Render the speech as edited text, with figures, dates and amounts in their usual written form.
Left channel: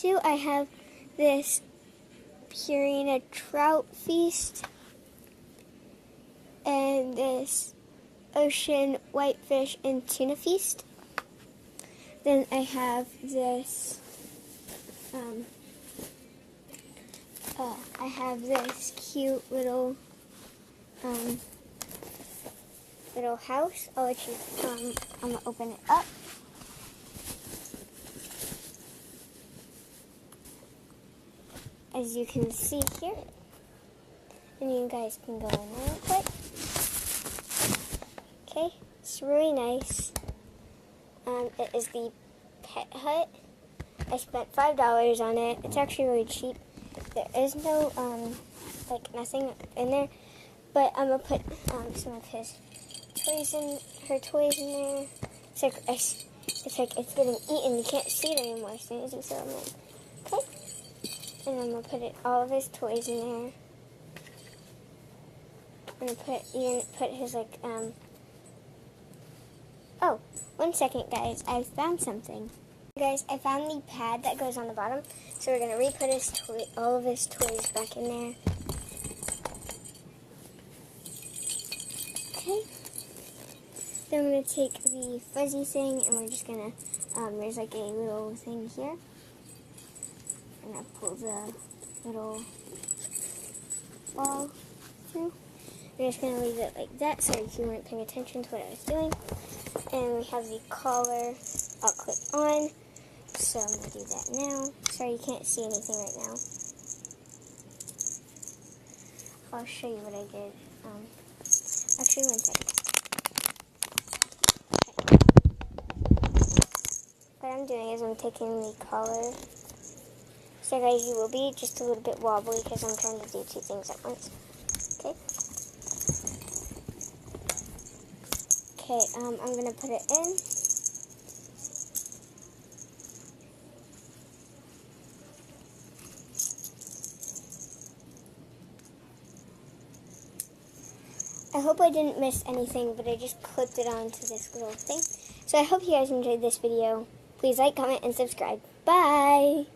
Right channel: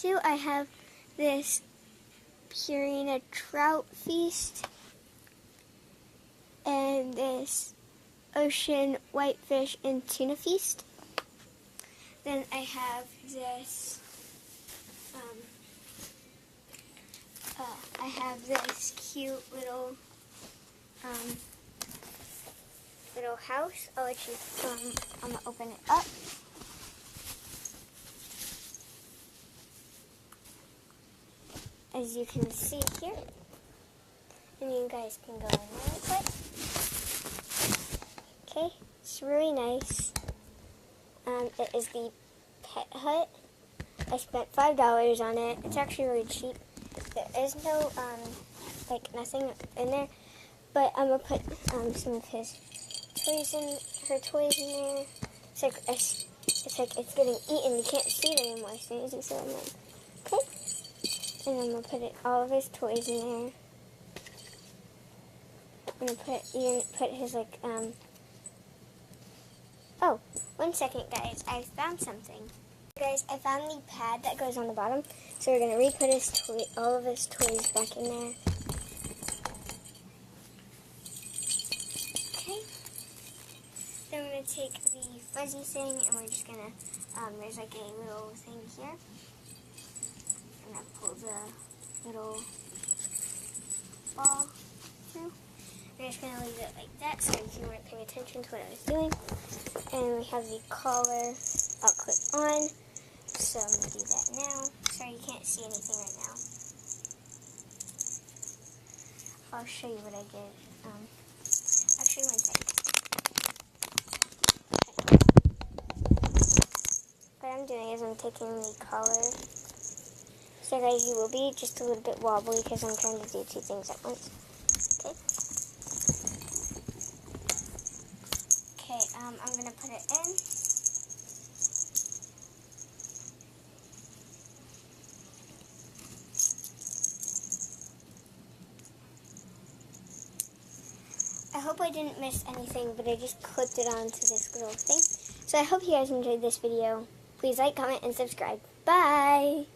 2, I have this Purina trout feast and this ocean whitefish and tuna feast. Then I have this, cute little, little house. I'll let you, I'm gonna open it up. As you can see here, and you guys can go in there with it. Okay, it's really nice. It is the pet hut. I spent $5 on it. It's actually really cheap. There is no, nothing in there, but I'm gonna put some of his toys in, her toys in there. It's like it's getting eaten. You can't see it anymore as soon as you throw them in. Okay, and I'm gonna put all of his toys in there. I'm gonna put his Oh, 1 second, guys. I found something. Guys, I found the pad that goes on the bottom. So we're gonna re-put all of his toys back in there. Okay. Then we're gonna take the fuzzy thing and we're just gonna, there's like a little thing here. I'm gonna pull the little ball through. We're just gonna leave it like that so if you weren't paying attention to what I was doing. And we have the collar I'll clip on. So I'm gonna do that now. Sorry, you can't see anything right now. I'll show you what I did. Actually, 1 second. What I'm doing is I'm taking the collar. So guys, you will be just a little bit wobbly because I'm trying to do 2 things at once. Okay. Okay, I'm gonna put it in. I hope I didn't miss anything, but I just clipped it onto this little thing. So I hope you guys enjoyed this video. Please like, comment, and subscribe. Bye!